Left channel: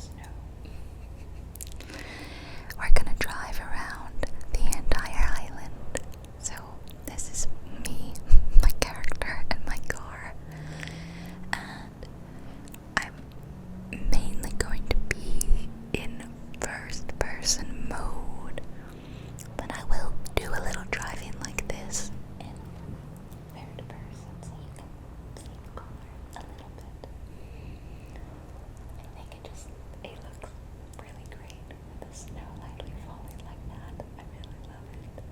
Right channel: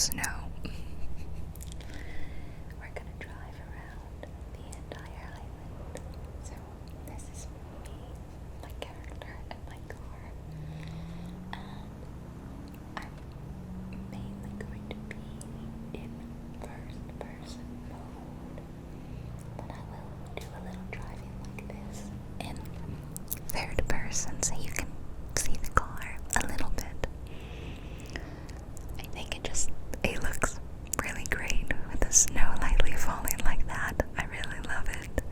snow. We're gonna drive around the entire island. So this is me, my character, and my car. And I'm mainly going to be in first person mode, but I will do a little driving like this in third person so you can see the car a little bit. I think it looks really great with the snow lightly falling like that. I really love it.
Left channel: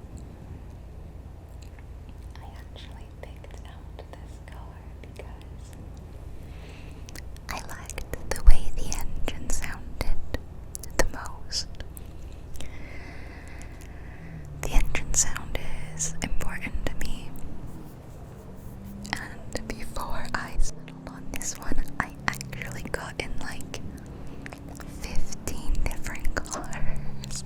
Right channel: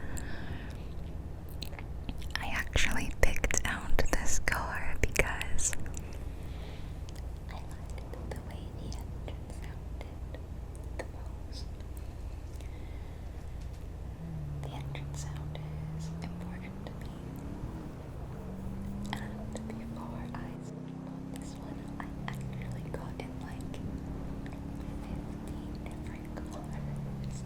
I actually picked out this car because I liked the way the engine sounded the most. The engine sound is important to me, and before I settled on this one, I actually got in like 15 different cars,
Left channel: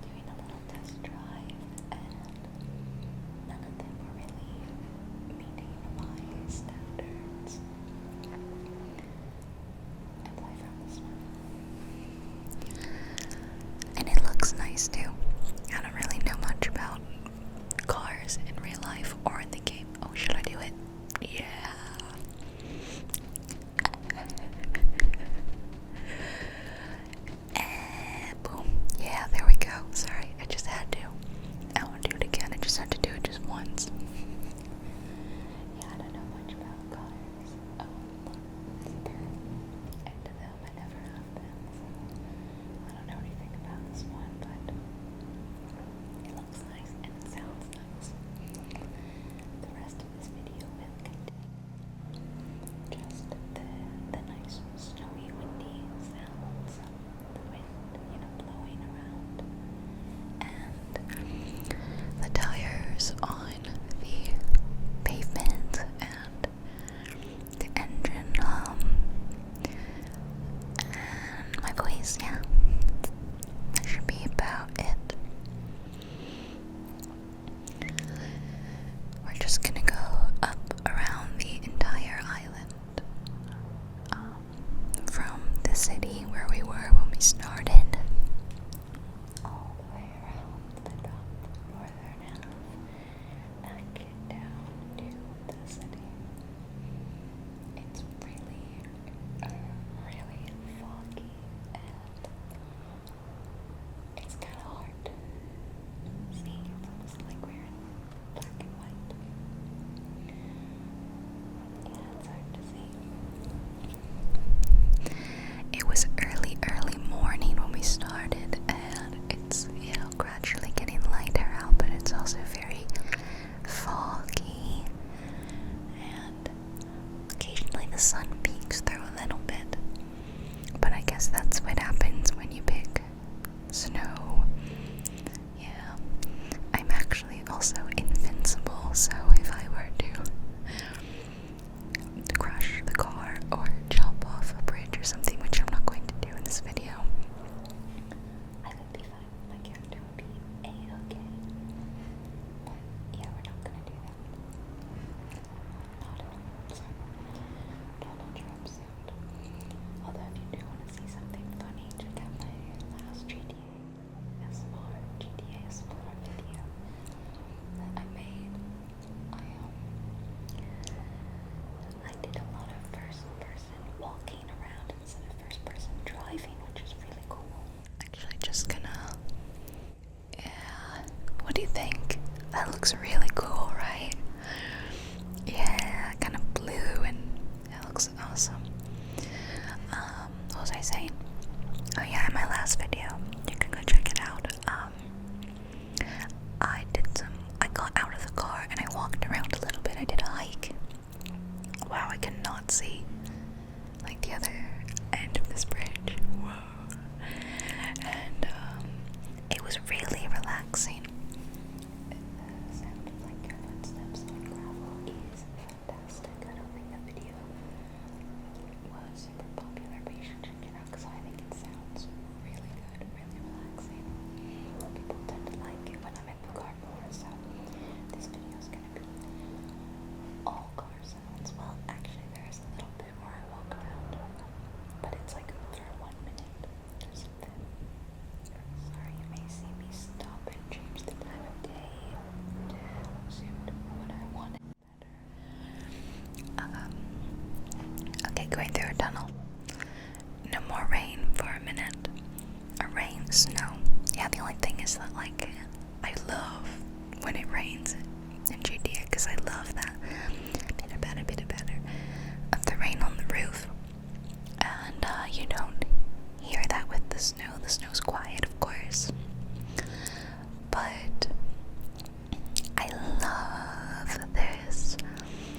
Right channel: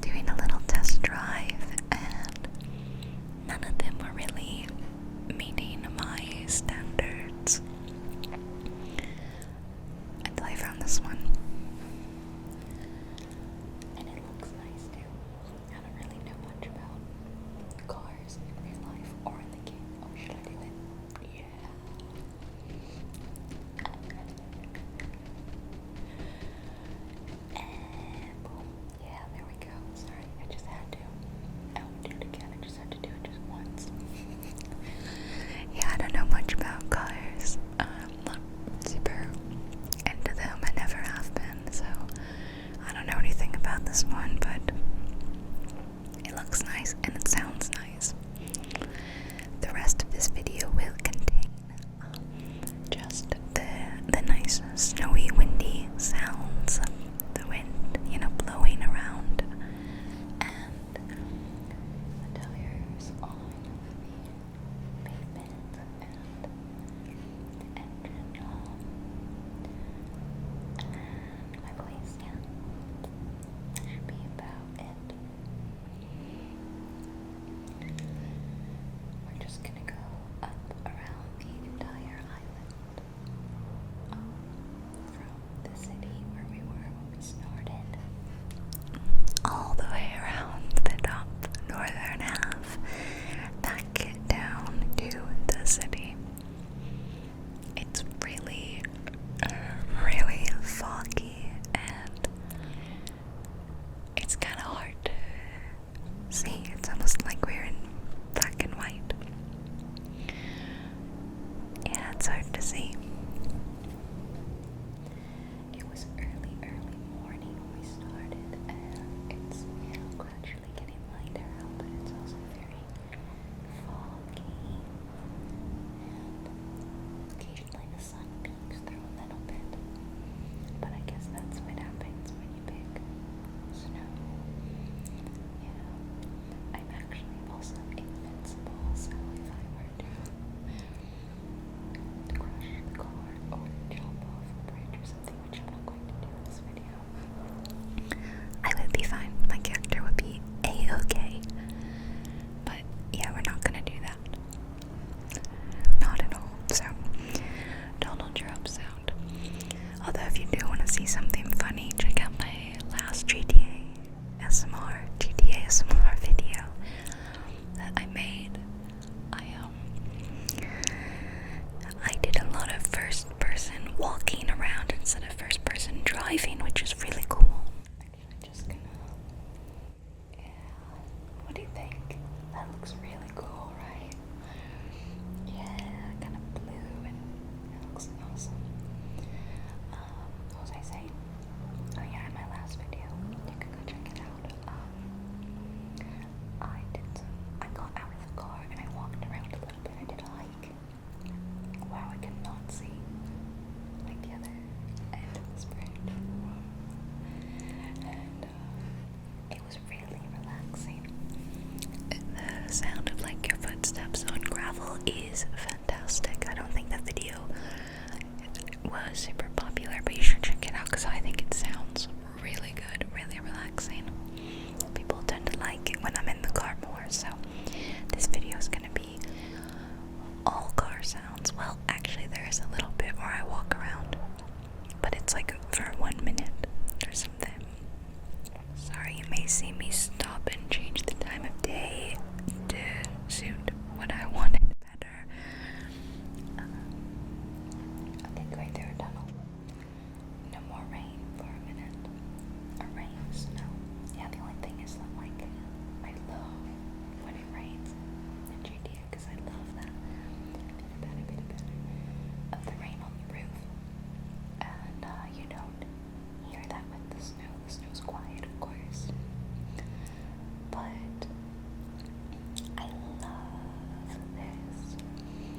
doing a little test drive, and none of them were really meeting my standards until I found this one. And it looks nice too. I don't really know much about cars in real life or in the game. Oh, should I do it? Yeah. Boom. Yeah, there we go. Sorry, I just had to. I won't do it again. I just had to do it just once. Yeah, I don't know much about cars. I'm not super into them. I never have been, so I don't know anything about this one, but it looks nice and it sounds nice. The rest of this video will contain just the nice snowy, windy sounds, the wind, blowing around, and the tires on the pavement, and the engine hum, and my voice. Yeah, that should be about it. We're just gonna go up around the entire island, from the city where we were when we started, all the way around the top northern half, back down to the city. It's really, really foggy, and it's kind of hard to see. It's almost like we're in black and white. Yeah, it's hard to see. It was early morning when we started, and it's, gradually getting lighter out, but it's also very foggy, and occasionally the sun peeks through a little bit. But I guess that's what happens when you pick snow. Yeah. I'm actually also invincible, so if I were to crush the car or jump off a bridge or something, which I'm not going to do in this video, I would be fine. My character would be A-okay. But yeah, we're not gonna do that. Not at all. So, Donald Trump sound. Although if you do want to see something funny, check out my last GTA ASMR video that I made. I did a lot of first person walking around instead of first person driving, which is really cool. Actually, just gonna, what do you think? That looks really cool, right? Yeah, kind of blue, and it looks awesome. What was I saying? Oh yeah, in my last video, you can go check it out. I got out of the car and I walked around a little bit. I did a hike. Wow, I cannot see like the other end of this bridge. Whoa. And it was really relaxing. The sound of like your footsteps on gravel is fantastic. I don't think that video was super popular, but you should check it out because I think it sounds really good, really relaxing. People tend to like it when I'm in the car more, so this video is going to be all car sounds. Well, actually there is a little bit where I walk around, but it's like snow. Yeah, the only thing is that, like, I love when it rains in GTA, because I love that bit better of the rain on the roof. And you don't hear that with the snow. The snow's quiet, of course. But I love this,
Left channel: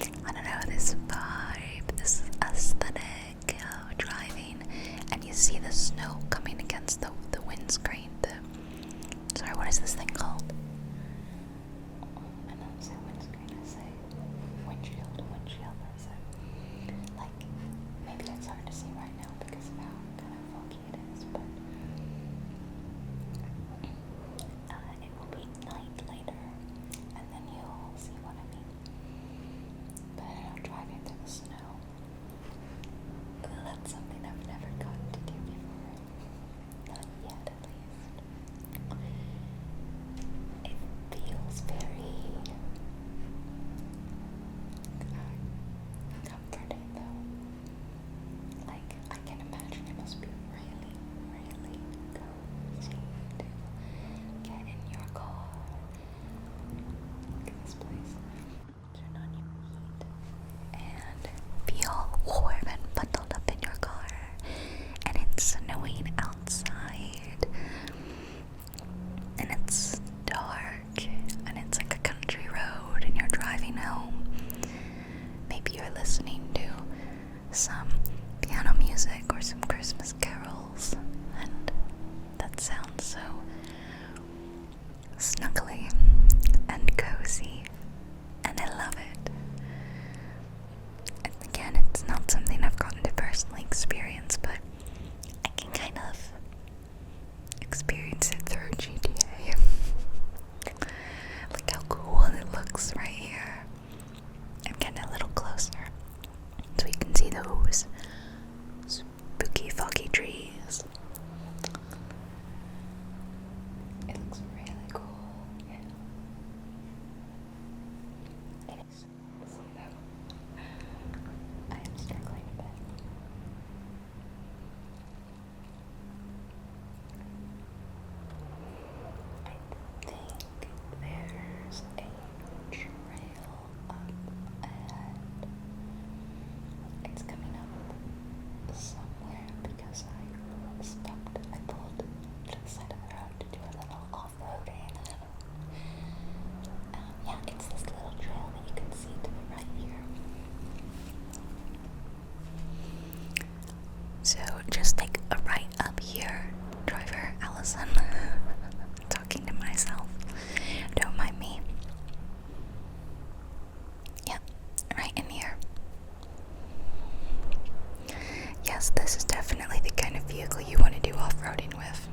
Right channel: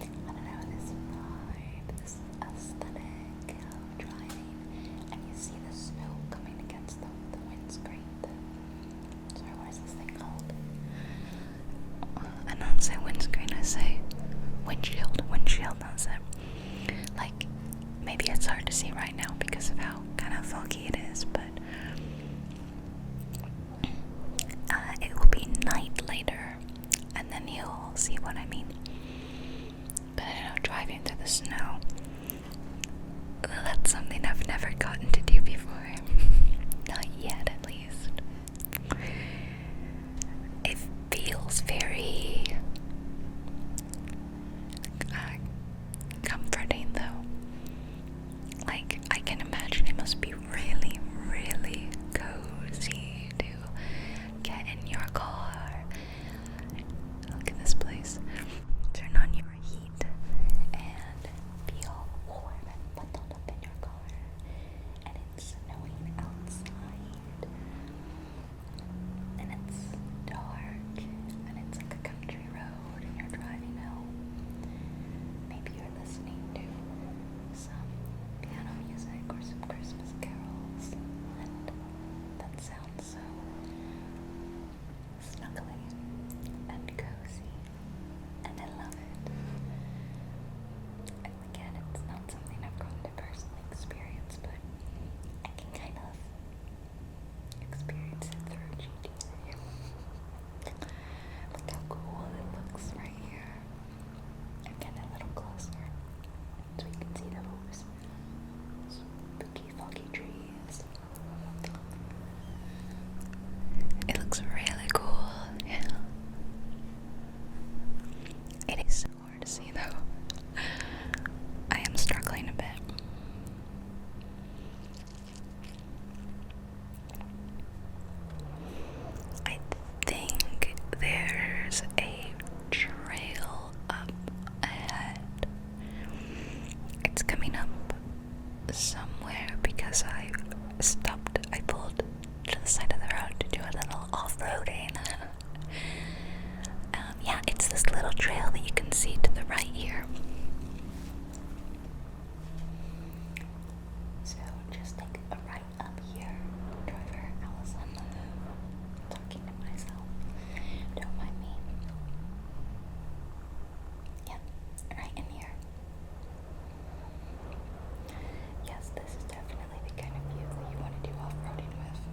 I don't know, this vibe, this aesthetic of driving, and you see the snow coming against the windscreen. Sorry, what is this thing called? I don't say windscreen, I say windshield, that's it. Like, maybe it's hard to see right now because of how kind of foggy it is, but it will be night later, and then you'll see what I mean. But I know, driving through the snow, that's something I've never gotten to do before. Not yet, at least. It feels very comforting, though. Like, I can imagine it must be really, really cozy to get in your car. Look at this place. Turn on your heat and be all warm and bundled up in your car. And it's snowing outside. And it's dark. And it's like a country road, and you're driving home. Maybe you're listening to some piano music or some Christmas carols, and that sounds so snuggly and cozy, and I love it. And again, it's not something I've gotten to personally experience, but I can kind of experience it through GTA. Look how cool it looks right here. I'm getting a little closer so you can see those spooky, foggy trees. It looks really cool. Yeah. It is so hard to see, though. I am struggling a bit. I think there's a trail up ahead. It's coming up somewhere because I stopped. I pulled to the side of the road to do a little off-roading. Yeah, it's this little trail that you can see to the right here. So just take a right up here, driver Allison. Talking to myself. Don't mind me. Yep, right in here. Yes, this is definitely the kind of vehicle you want to do off-roading with.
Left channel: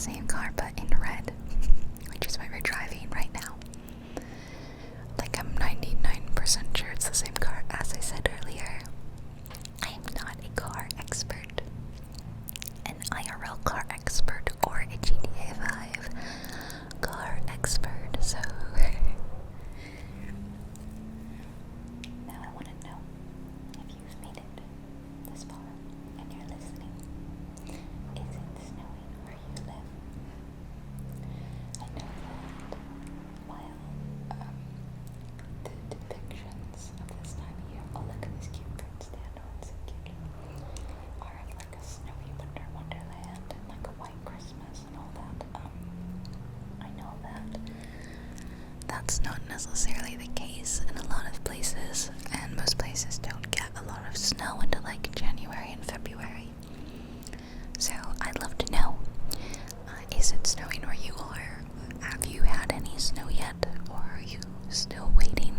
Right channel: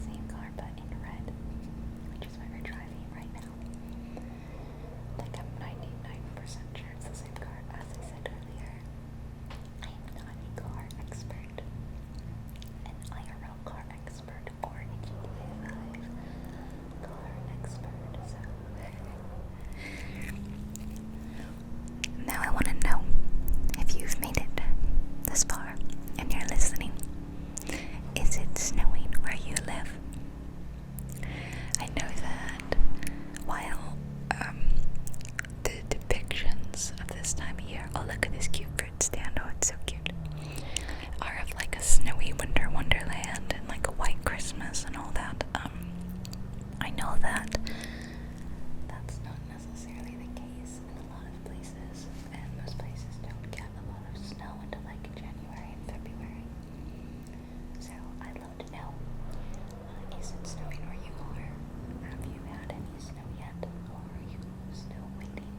same car but in red, which is what we're driving right now. Like, I'm 99% sure it's the same car. As I said earlier, I am not a car expert, an IRL car expert, or a GTA 5 car expert, so now I want to know if you've made it this far and you're listening. Is it snowing where you live? I know that while the depictions of this time of year, oh look at this cute fruit stand, oh it's so cute, are of like a snowy winter wonderland and like a white Christmas and all that. I know that that's not necessarily the case in a lot of places, and most places don't get a lot of snow until like January and February. So I'd love to know, is it snowing where you are? Have you had any snow yet, or are you still waiting?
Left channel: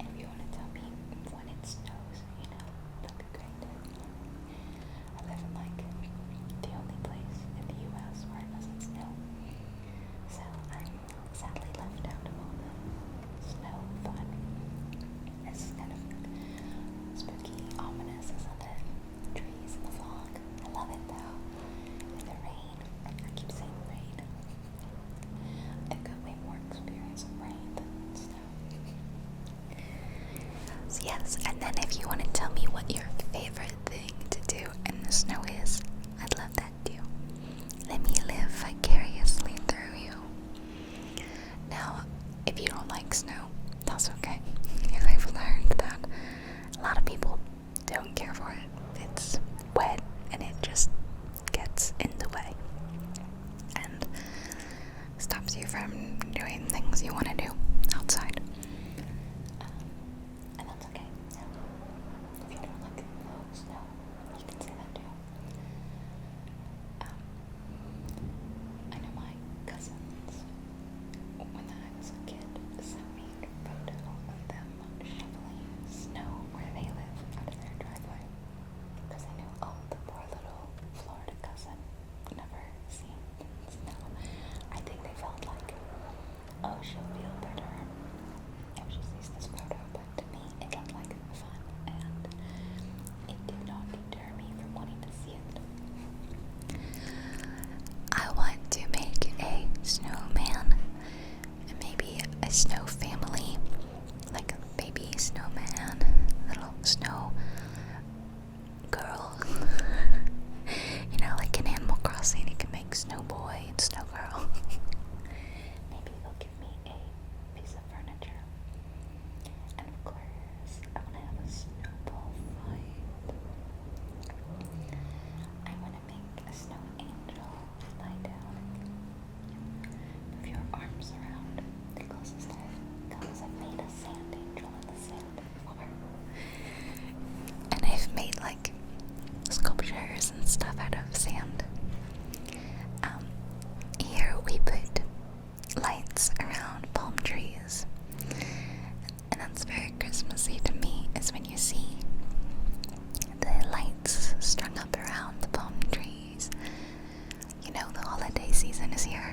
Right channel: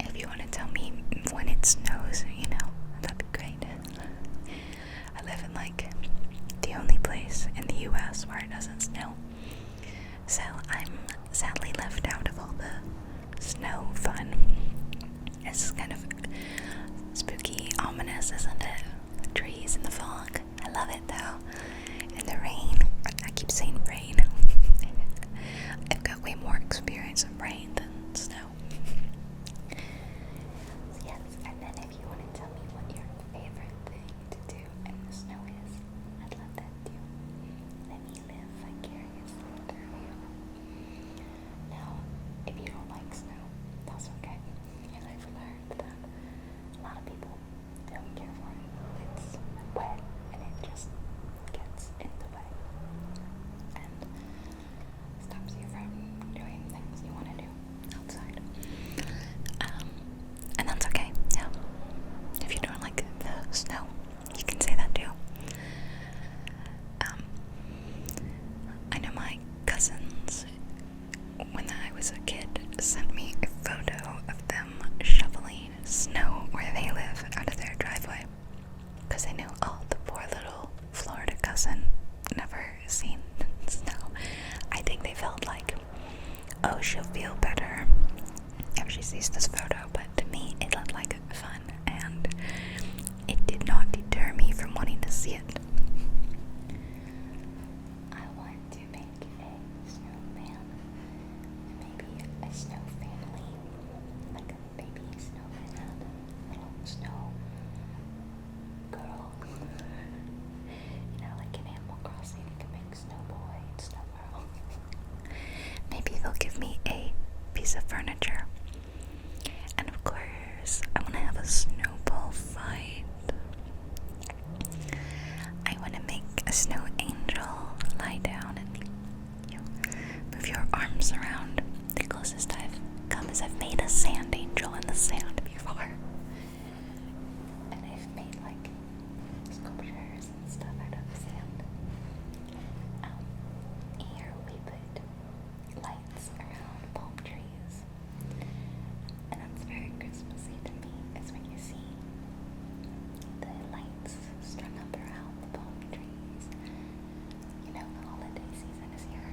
If you want to tell me when it snows, you know, that'd be great. I live in like the only place in the US where it doesn't snow, so I'm sadly left out of all the snow fun. It's kind of spooky, ominous, isn't it? The trees and the fog. I love it though. And the rain. I keep saying rain. I've got way more experience of rain than snow. So yes, and then if you want to tell me what your favorite thing to do in the snow is, I'd love that too. Let me live vicariously through you. Now, if you don't like snow, that's okay. I've learned that a lot of people don't care for it. It's wet and it just gets in the way and stops you from doing things you want to do outside. And that's okay. Yeah. If you don't like the snow, you can say that too. I know my cousins, when I was a kid, sent me a photo of them shoveling snow where they live out of their driveway, because they knew, oh, the poor little Florida cousin never seen snow. I think they felt like, oh, she'll feel better if she sees this photo, but to me it looked like fun, and it did not deter me from wanting to see it. I want to make a snowman, maybe a snow family, like a baby snowman, little snow girl. You know, like in Animal Crossing, you can make Snow Boy and Snow Girl. Maybe they'll give me a piece of furniture. And of course, I want to have a snowball fight. I want to make a snow angel lie down and you move your arms around. The closest I've come is I've made a sand angel in the sand before. And I've made like sculptures and stuff out of sand. Here we put lights around palm trees. And that's very Christmassy to me, is when you see the lights strung up around the palm trees. You know, the holiday season is here.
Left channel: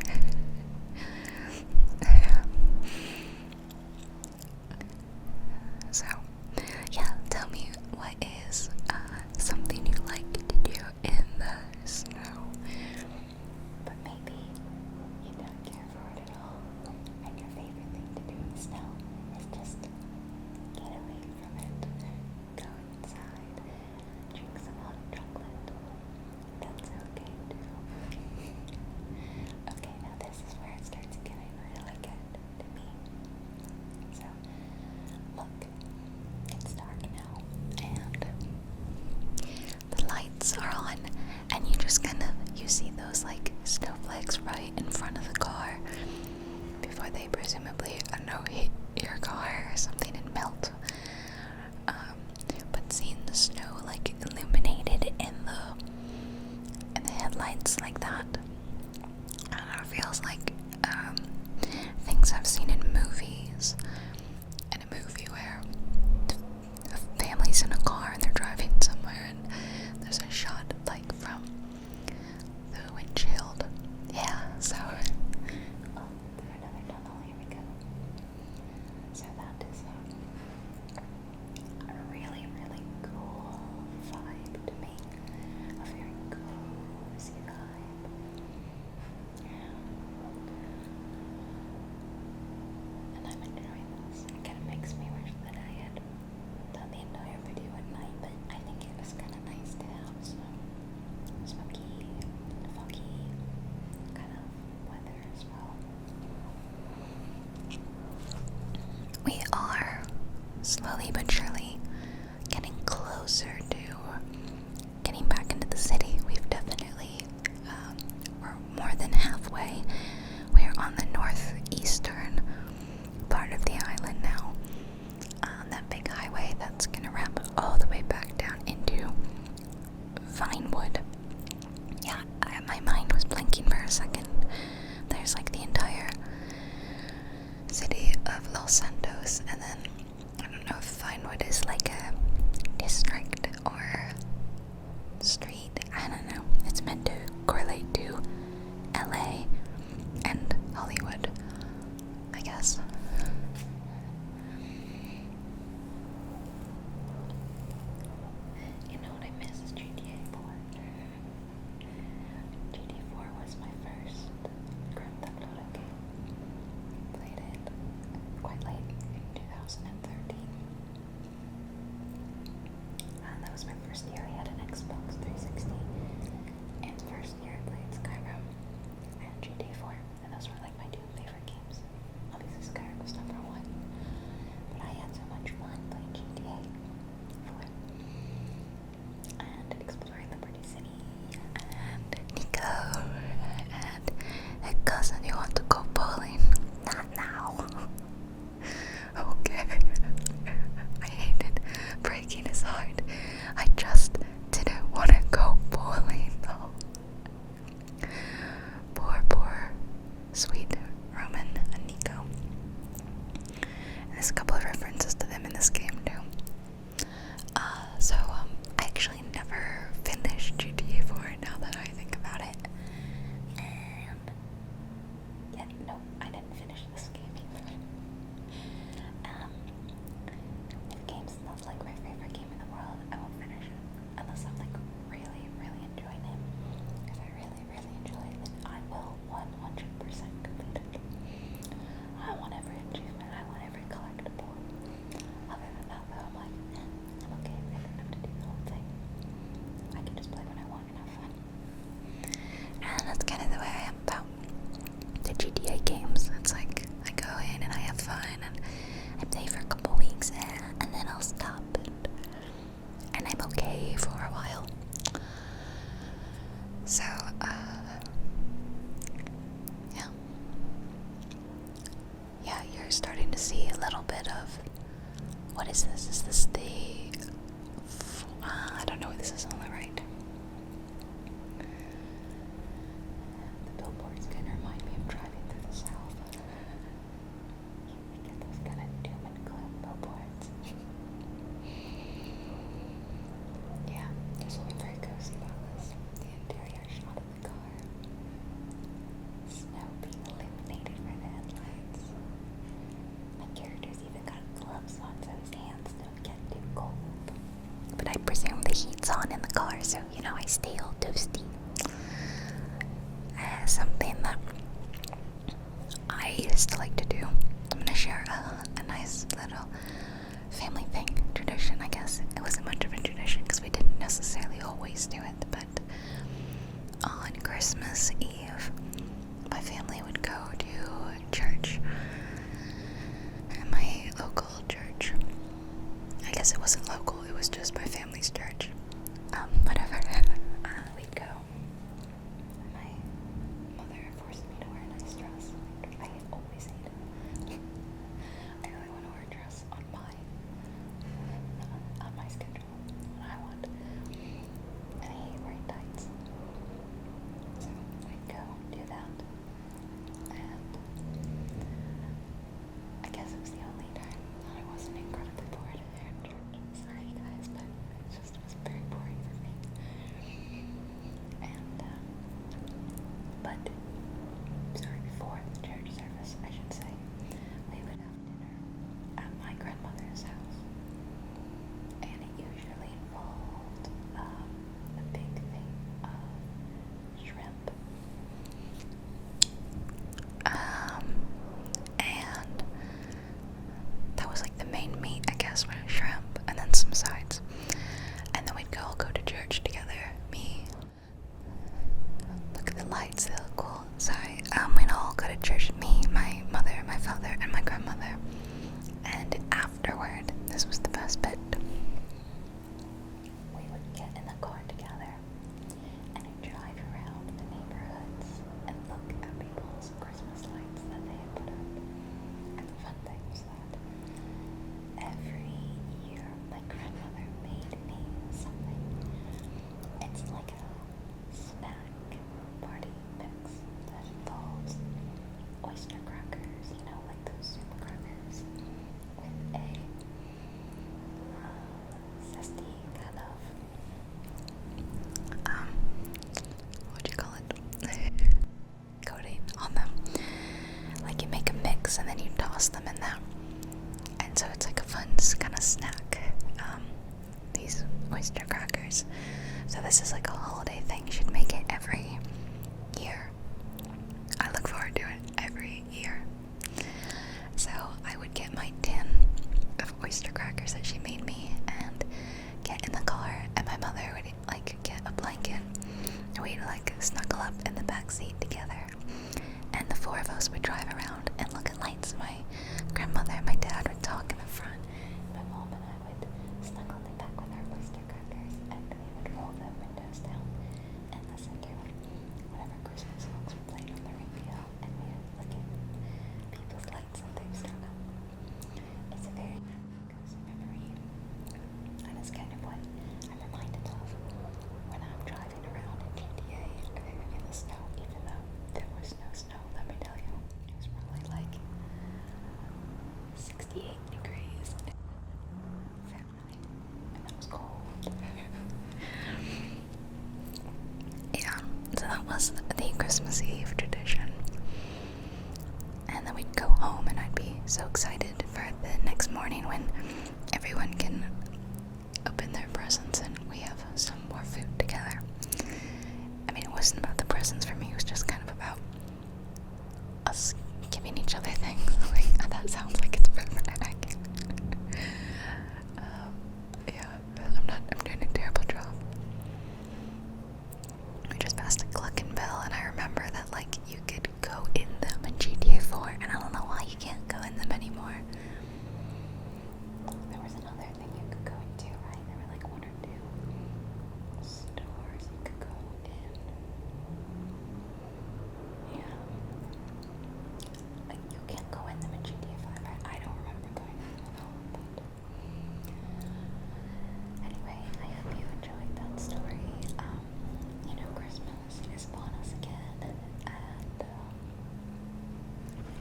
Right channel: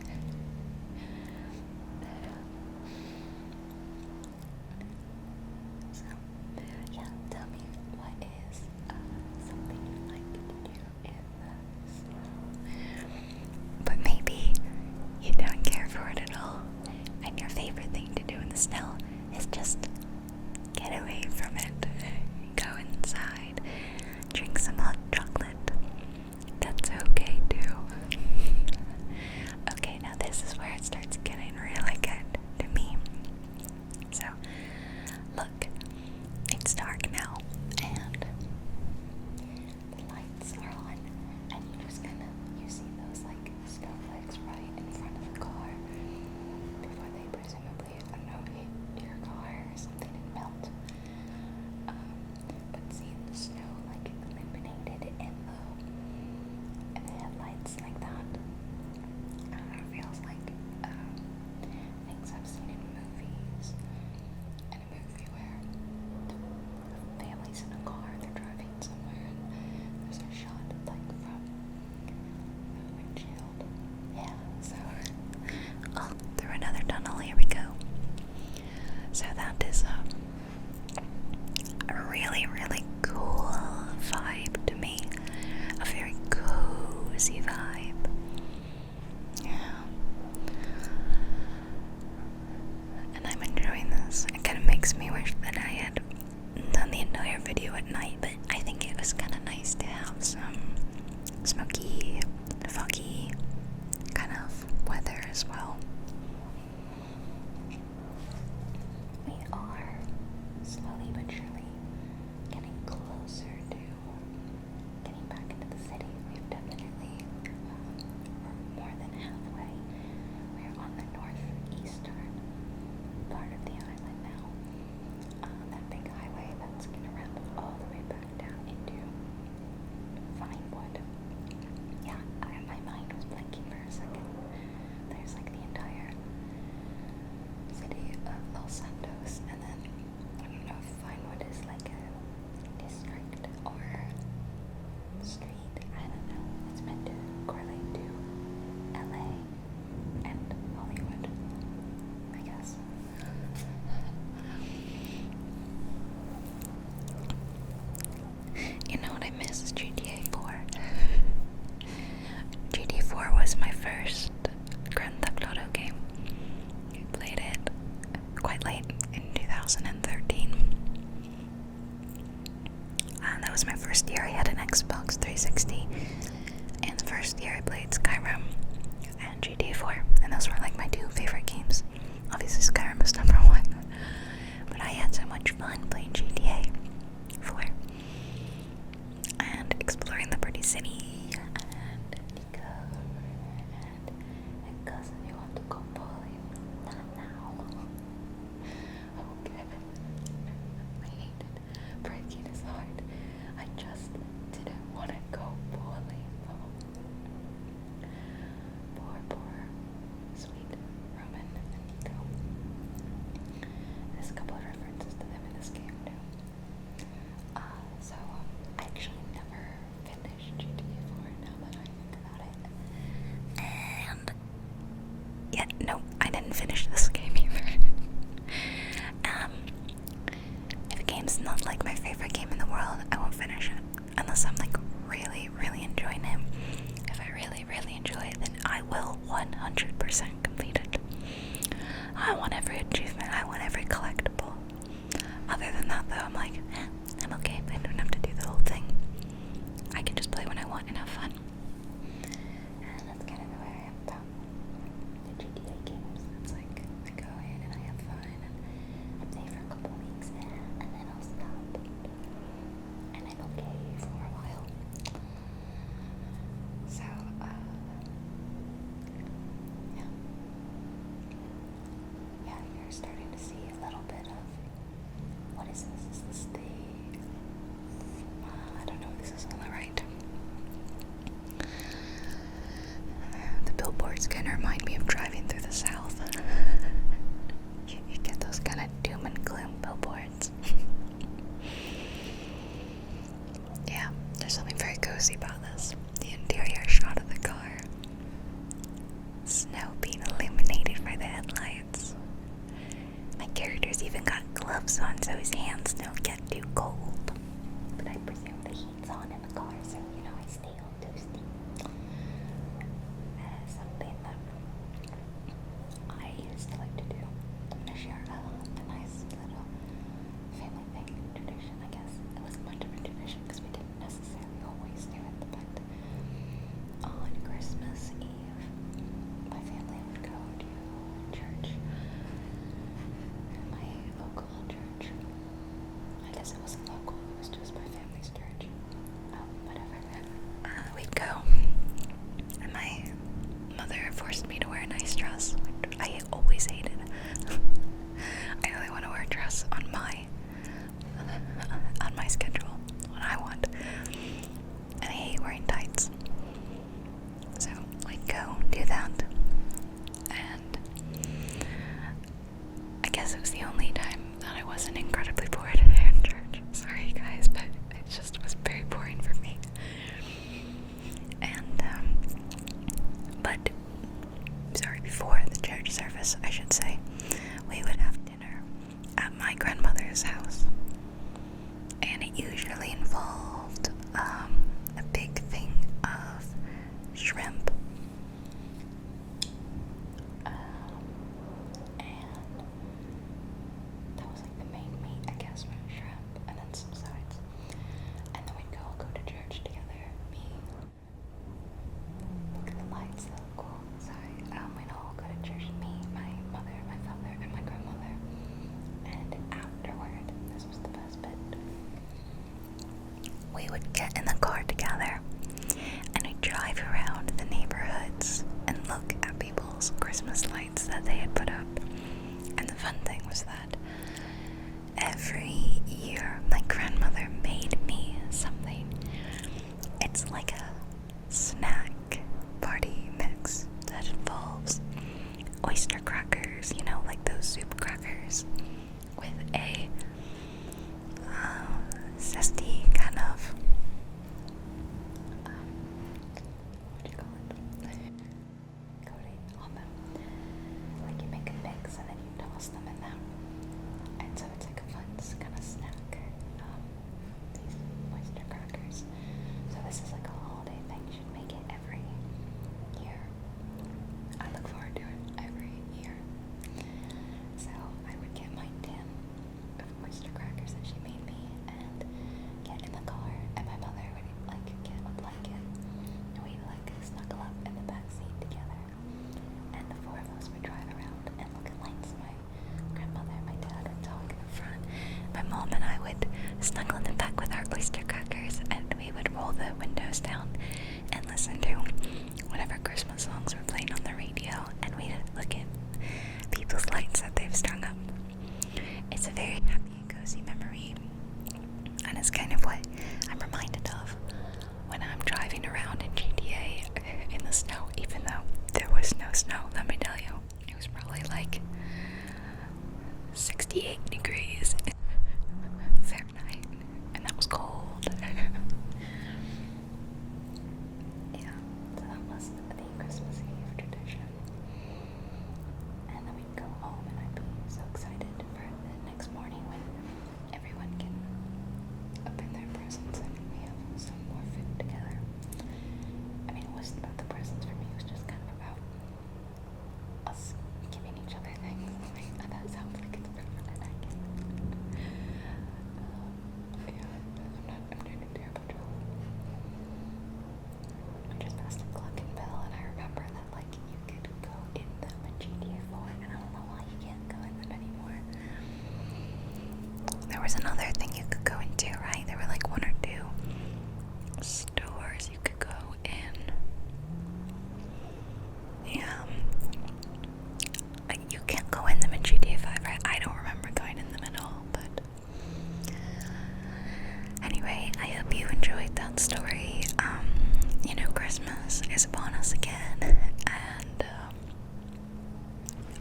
a second. There's like the entire city of Los Santos, and then I don't know if Vinewood is like a district or street. I don't know. It's meant to correlate to LA and Hollywood, I guess. You know what I miss is GTA 4. GTA 4 was my first Grand Theft Auto game. I played it quite late in 2013. That was my first year I had an Xbox 360. And the first year I played Skyrim and GTA 4. And those were like my two favorite games. Obviously Skyrim was number one. But I had so much fun playing GTA 4. And exploring Liberty City. And Nico. And hey cousin, you want to go bowling? Not now. Okay. I hated breaking his heart. I just didn't want to go bowling though. Poor, sweet Roman and Nico. There's a couple of references to them in this game too. I actually never finished GTA 4 now that I think about it. And yeah, no, I didn't finish this game either. If a game's not like my favorite game in the world, I won't finish it. Unless I'm like really, really enjoying it. If I really, really enjoy it, then I will 100% complete it. I want every achievement, I want every collectible. Other than that though, I'm like, I'm okay, but I don't have to do the whole thing. I can just play when I want and have fun. And that's kind of the way I am about the GTA games. It's like, I go in and I have fun, and I play for a couple weeks, and then I'll stop, and I'm okay for a while. So, yeah, you're starting to see a little bit of, what is this? Is this the, I don't know what this is on the right. The billboards kind of remind me of driving through the South. You get those kind of doom and gloom billboards. Yeah, there's something very cozy about this. The interior shot of the car. Snow being illuminated by the headlights. My character's even got gloves on so his hands don't get too cold. But I presume the heat's on in the car, so you know I stay all toasty. Something that I used to like to do. I'm gonna share a nice little family thing, tradition, I guess. It wasn't much of a tradition because we didn't necessarily always do it, but on Christmas Eve, my family would go to church. My local church. I guess it wasn't local, it was just my family's church. Whatever. We'd go. And my mother forced me to wear a nice dress. I always hated it. I only want to wear a dress on my schedule, what I want. And I hate wearing tights. So we'd go do that. And I guess it was the only time that I wasn't incredibly bored in church. Sorry guys, but it just was very boring for me. And before the church service, I should say, we would have dinner at my grandmother's house. And it usually involved a big thing of shrimp. And that was like the main meat, I guess, was shrimp, and then some sides. And then we'd all go to church together. Look at the lights, they look cool. Sorry. We'd all go to church. Me, my mother, my father, and my grandmother. And afterward, this was the best bit. We would get in the car together, and we'd drive around the neighborhoods and look at people's Christmas lights that they had put up. And the fun thing was that every year my grandmother made me something. It's like a snack party mix. toss them in that. And so it's like a fun kind of snack. These oyster crackers. So this is like a holiday thing. You should make it every year. I look forward to it every year. So I would get my tin of oyster crackers that she made me and get in the car, and my mother would like get a blanket and we'd like snuggle up in the back seat together, and the four of us would drive around and look at lights. My grandmother and my dad would talk in the front. My mom and I would snuggle in the back with our oyster crackers, and we would roll the windows down and listen to whatever Christmas songs were playing on the radio, and we'd look at people's lights that they've strung up. It's a very happy and cozy memory, and it's kind of what I'm reminded of when I'm driving around in GTA in the snow, even though there was no snow, let me tell you. It was probably like 68 degrees Fahrenheit, and that was cold. Yeah, so that was the Christmas Eve tradition. And then we'd go home, and I'd be so excited for the next morning when everyone can open their presents and we have some more food together. I mean, it wasn't about the presents for me, it was just kind of about us giving each other things. Like, that sounds like it's perfect. Yeah, I'm doing a terrible job. We just passed a Gluckenbill, and I remember that, like, you could go in them in GTA 4, and I don't know why you can't go in them anymore. There was another thing you could go into, right? There were like one or two stores you could go in. Yeah. Like, you can't go in them in GTA 5, right? I don't remember going in them at all, but anyway, I hope you enjoyed that story. You know, Christmas is upon us again, and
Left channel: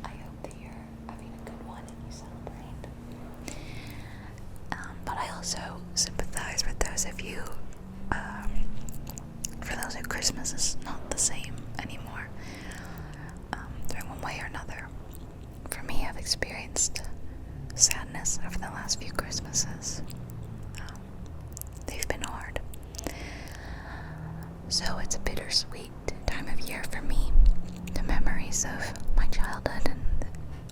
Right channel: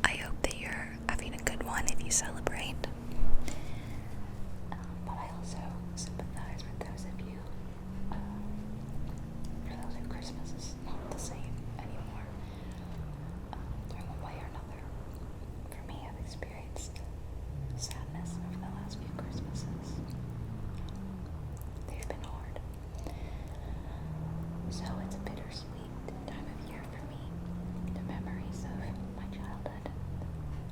I hope that you're having a good one if you celebrate. But I also sympathize with those of you, for those who Christmas is not the same anymore, through one way or another. For me, I've experienced sadness over the last few Christmases. They've been hard. So it's a bittersweet time of year for me. The memories of my childhood and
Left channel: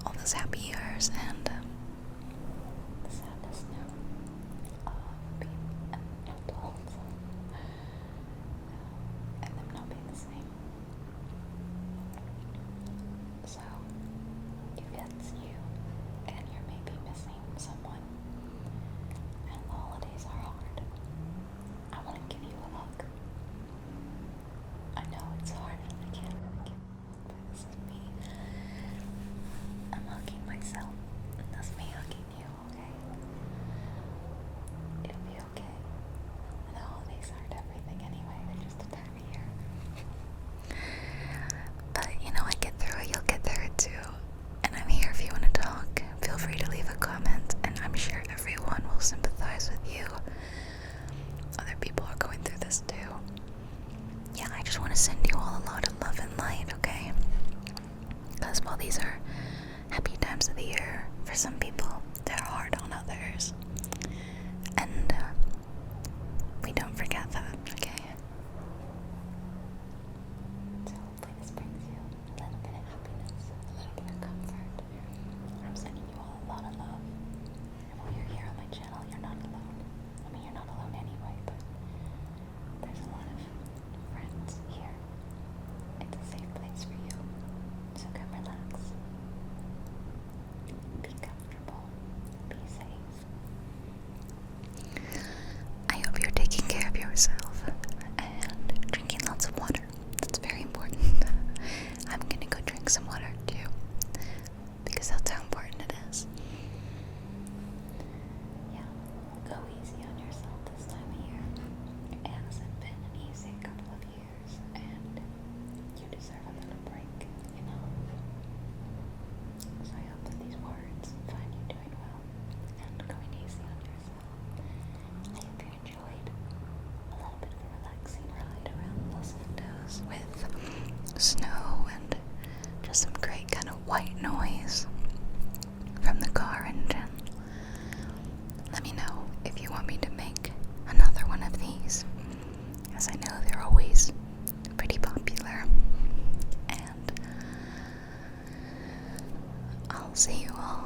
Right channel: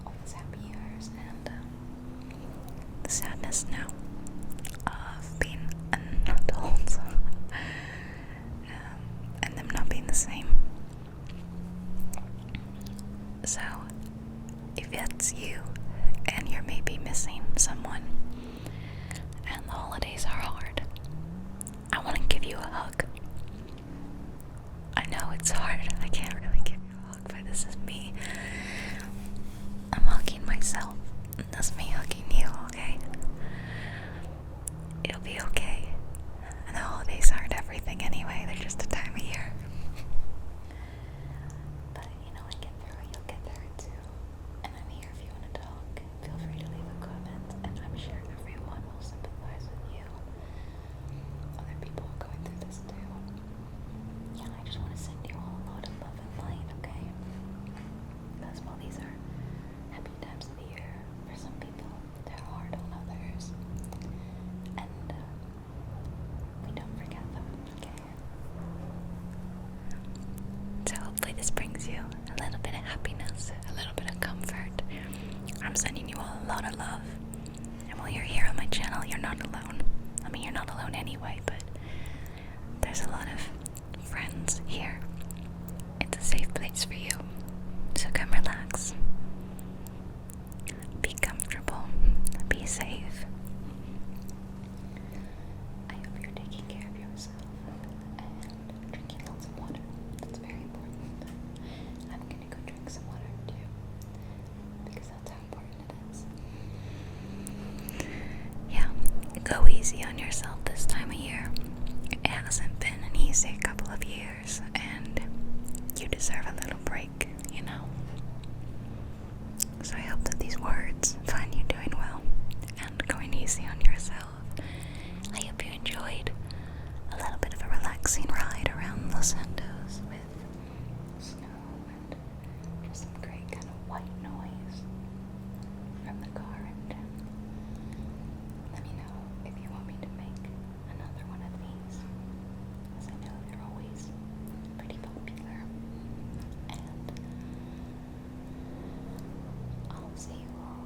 all those happy years, and the sadness now of being an adult, and them not being the same. So, if it's you and you're maybe missing someone and the holidays are hard, I want to give you a hug. I know it's hard. I can't really give you a hug, but this is me. I'm hugging myself. That's me hugging you, okay? It'll be okay. And the holidays aren't everything anyway. They're just a time of year. But, you know, I get through it. You'll get through it too. And I'm here if you want to talk. Feel free to leave a comment. And I'm sure everyone will sympathize with you. Other people are going through this too. Yeah, I just want to send you all a lot of love and light, okay? Because while these are happy times of the year, for some people, they're hard on others. And we don't forget that, okay? So hopefully this brings you a little bit of happiness, a little bit of comfort. I'm sending you all a lot of love. And while you're here on my channel, you're not alone. I mean, you're not alone anyway, but there's a lot of friends here. It's a safe place for you. So come relax. Be comfortable. Be safe. I hope you're taking care of yourself and drinking lots of water. That's very important. I'm gonna go drink some water too, because that's how important it is. Yeah, go easy on yourself this time of year. It hasn't been an easy couple of years, and you deserve a little break, you know? So I hope that these words find you doing well and going easy on yourself. I hope you enjoyed a little bit of a relaxing ride around Los Santos with snow and just some great kind of white noise. from the car engine. Let me know if you want me to make another one of these, as I know they're always pretty popular. And I'll see you all